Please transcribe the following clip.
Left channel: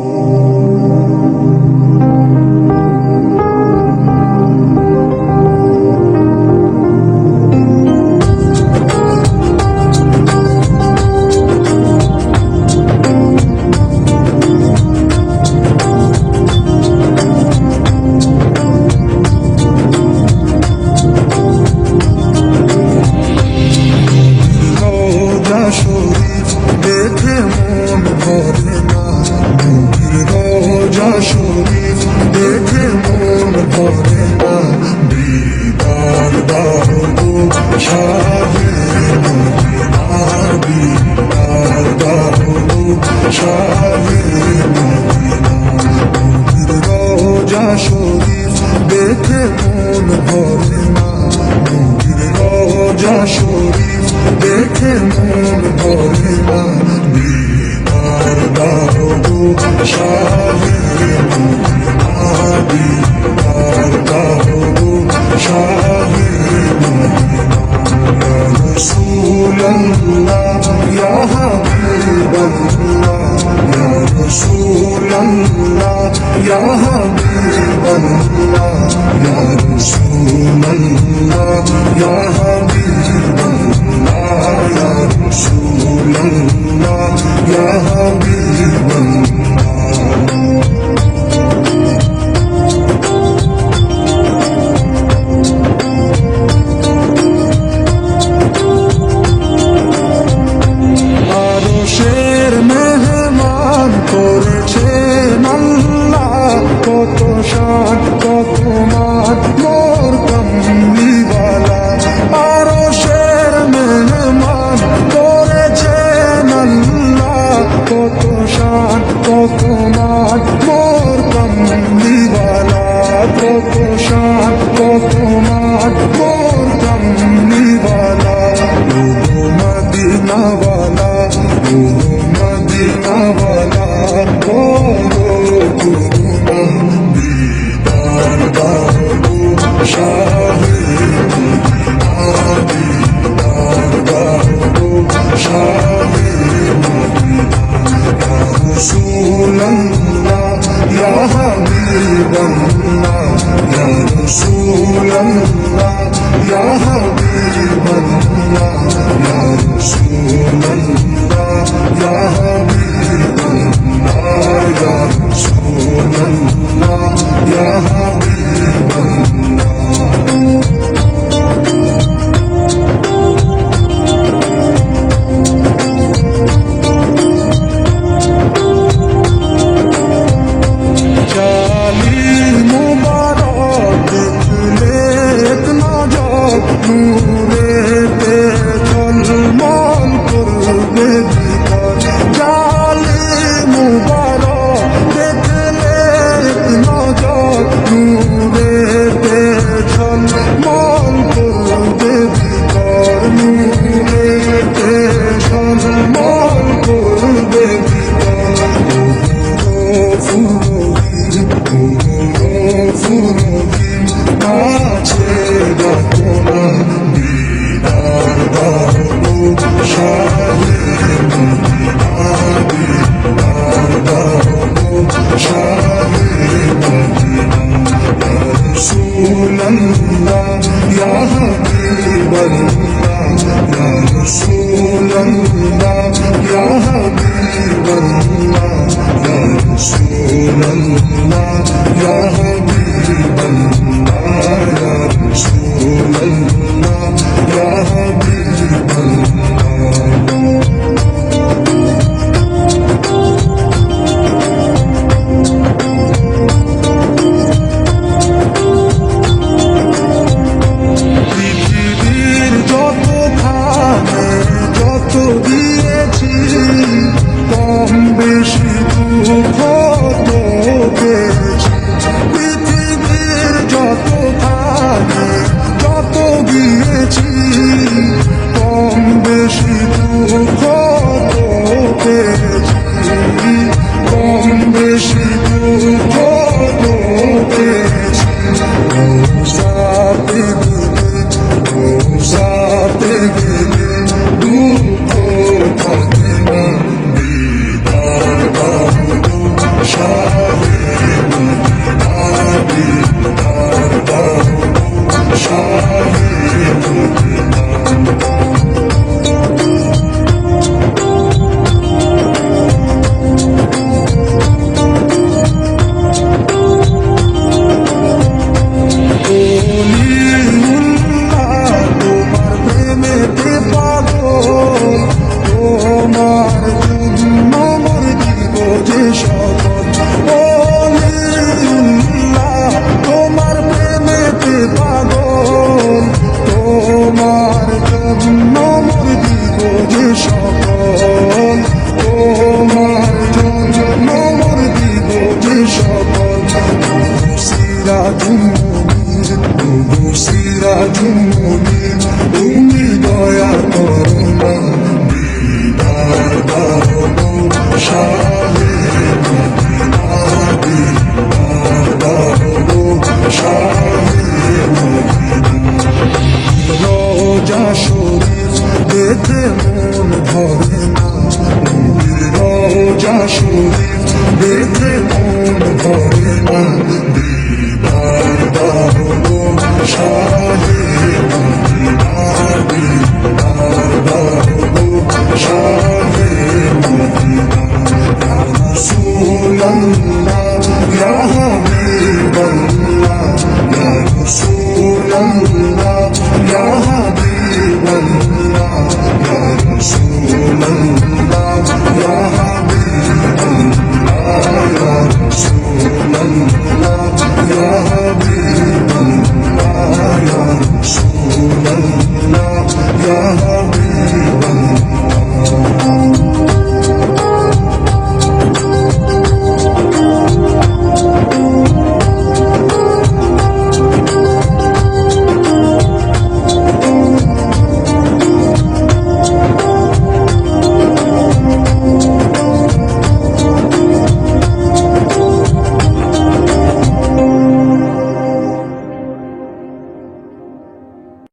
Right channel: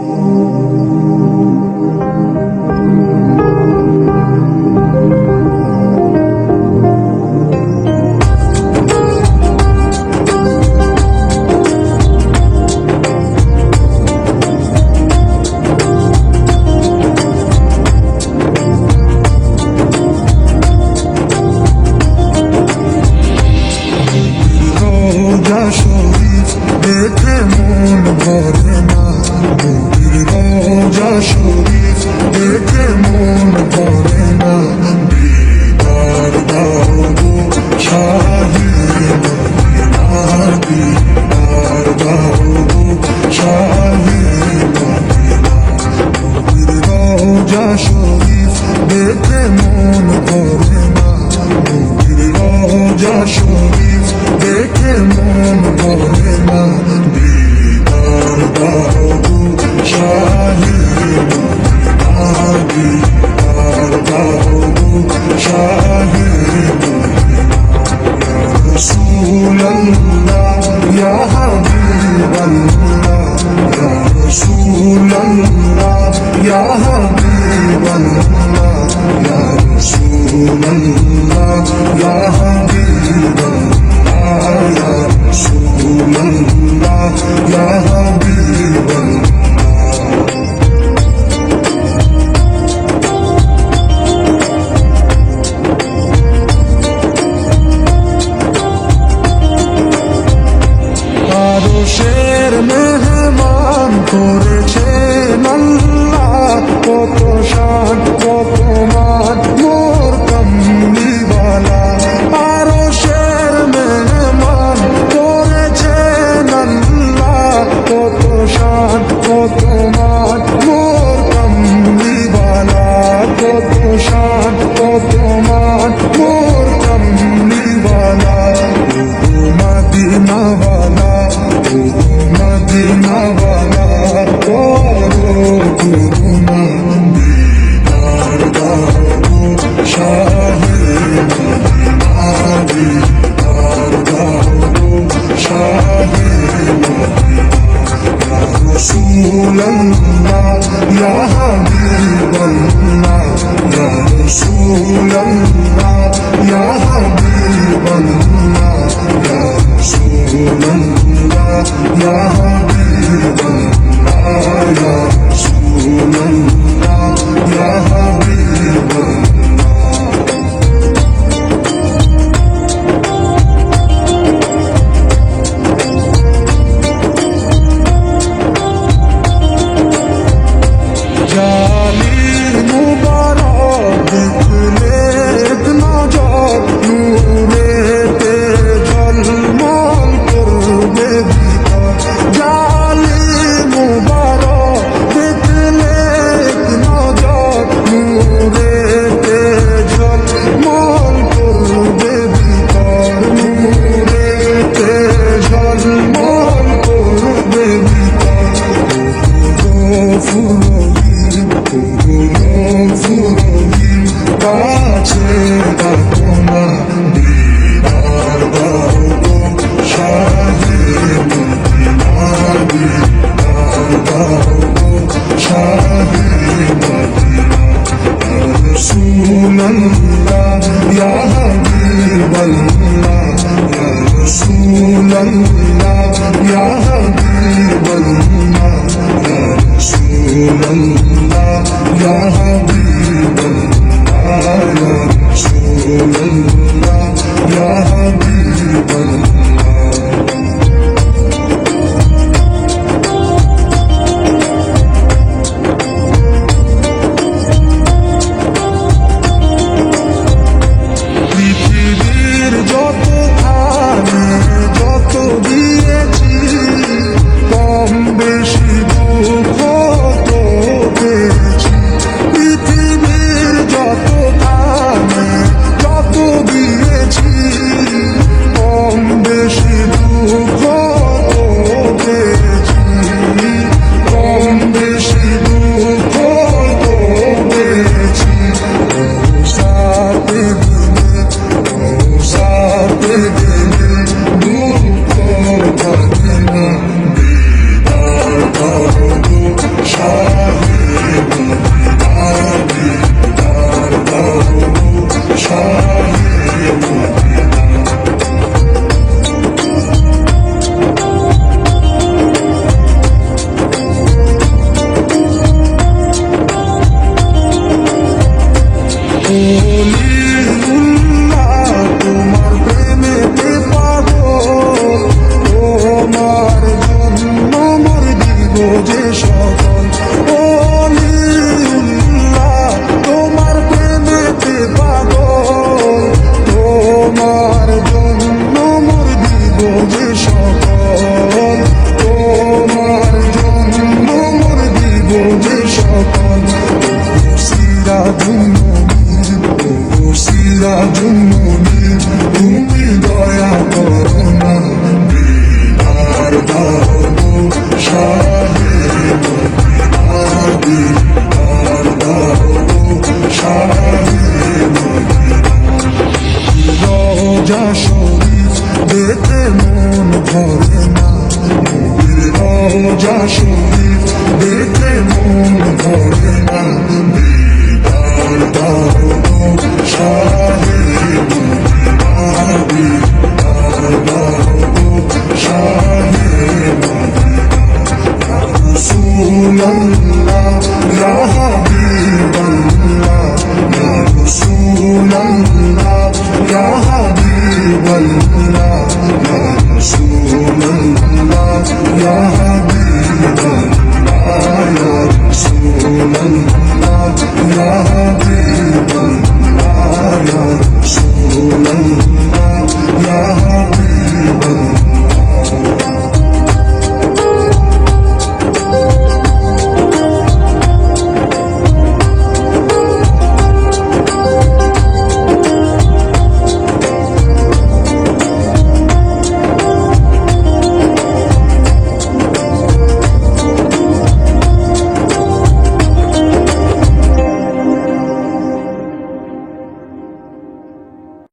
রোজা শরীফ দেখে মন ভরে না, নবীর রোজা শরীফ দেখে মন ভরে না। দিদার দাও গো শাহে মদিনা, দিদার দাও গো শাহে মদিনা। নবীর রোজা শরীফ দেখে মন ভরে না, নবীর রোজা শরীফ দেখে মন ভরে না। দিদার দাও গো শাহে মদিনা, দিদার দাও গো শাহে মদিনা। ইয়া রাসূলাল্লাহ ইয়া হাবিবাল্লাহ, ইয়া রাসূলাল্লাহ ইয়া হাবিবাল্লাহ, ইয়া রাসূলাল্লাহ ইয়া হাবিবাল্লাহ, ইয়া রাসূলাল্লাহ ইয়া হাবিবাল্লাহ। আরশের মেহমান করেছেন আল্লাহ, কত শান কত মান মোর কামলিওয়ালা। আরশের মেহমান করেছেন আল্লাহ, কত শান কত মান মোর কামলিওয়ালা, কত শান কত মান মোর কামলিওয়ালা। ও গো মদিনাওয়ালা, ও গো মদিনাওয়ালা, করো করুণা। দিদার দাও গো শাহে মদিনা, দিদার দাও গো শাহে মদিনা। ইয়া রাসূলাল্লাহ ইয়া হাবিবাল্লাহ, ইয়া রাসূলাল্লাহ ইয়া হাবিবাল্লাহ, ইয়া রাসূলাল্লাহ ইয়া হাবিবাল্লাহ, ইয়া রাসূলাল্লাহ ইয়া হাবিবাল্লাহ। জালি মুবারক দেখলে এক নজর, নূরেতে ঝলমল করবে ভিতর। জালি মুবারক দেখলে এক নজর, নূরেতে ঝলমল করবে ভিতর, নূরেতে ঝলমল করবে ভিতর। ও গফুর রহিম, ও গফুর রহিম, কাছে ডাকো না। দিদার দাও গো শাহে মদিনা, দিদার দাও গো শাহে মদিনা। ইয়া রাসূলাল্লাহ ইয়া হাবিবাল্লাহ, ইয়া রাসূলাল্লাহ ইয়া হাবিবাল্লাহ, ইয়া রাসূলাল্লাহ ইয়া হাবিবাল্লাহ, ইয়া রাসূলাল্লাহ ইয়া হাবিবাল্লাহ। পৃথিবীর যত খানে যত দিয়েছি, কম বেশি দুঃখ তো পেয়েছি। পৃথিবীর যত খানে যত দিয়েছি, কম বেশি দুঃখ সকল অলিউল্লাহ তোমার প্রেমেতে পাগল, তোমার জন্য মোর দিব যে সকল, তোমার জন্য মোর দিব যে সকল। সিরাজুম মুনির, ওগো সিরাজুম মুনির, তুমি দয়া করো না, দিদার দাও গো শাহে মদিনা, দিদার দাও গো শাহে মদিনা। রোজা শরীফ দেখে মন ভরে না, নবীর রোজা শরীফ দেখে মন ভরে না, দিদার দাও গো শাহে মদিনা, দিদার দাও গো শাহে মদিনা। ইয়া রাসূলাল্লাহ ইয়া হাবিবাল্লাহ, ইয়া রাসূলাল্লাহ ইয়া হাবিবাল্লাহ, ইয়া রাসূলাল্লাহ ইয়া হাবিবাল্লাহ, ইয়া রাসূলাল্লাহ ইয়া